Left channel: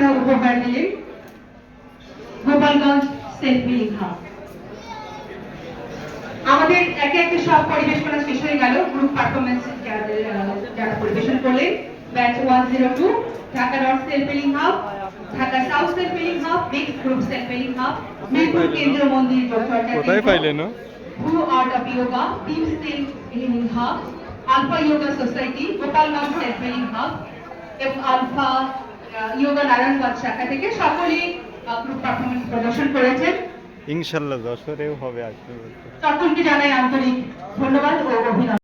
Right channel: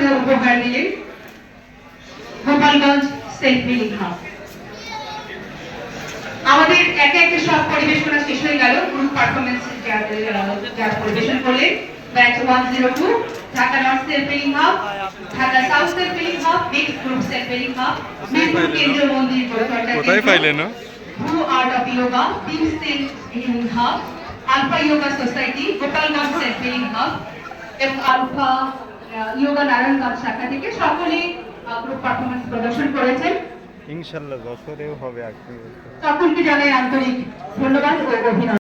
পরিবেশনা উপহার দিলেন গোপালগঞ্জ সেলফ হিলিং হাব। আমাদের একে একে সব পরিবেশনা শেষ হয়ে গেল। গ্রুপ পারফরমেন্স যারা পরিবেশন করলেন, batch 102 Dhaka north self healing hub, Dhaka south self healing hub, mix group self healing hub, Mirpur কেন্দ্রীয় মন্দির কোথায় পাইলেন? Blue art of yoga, team self healing hub, alpha yoga society, Gopalganj self healing hub এবং আলফা যোগা নারায়ণগঞ্জ শাখা থেকে সকলে গ্রুপ পারফরমেন্স প্রদর্শন করেছেন। ইনশাআল্লাহ যশোরেও হবে। সকলকে জানাই আন্তরিক ধন্যবাদ ও অভিনন্দন।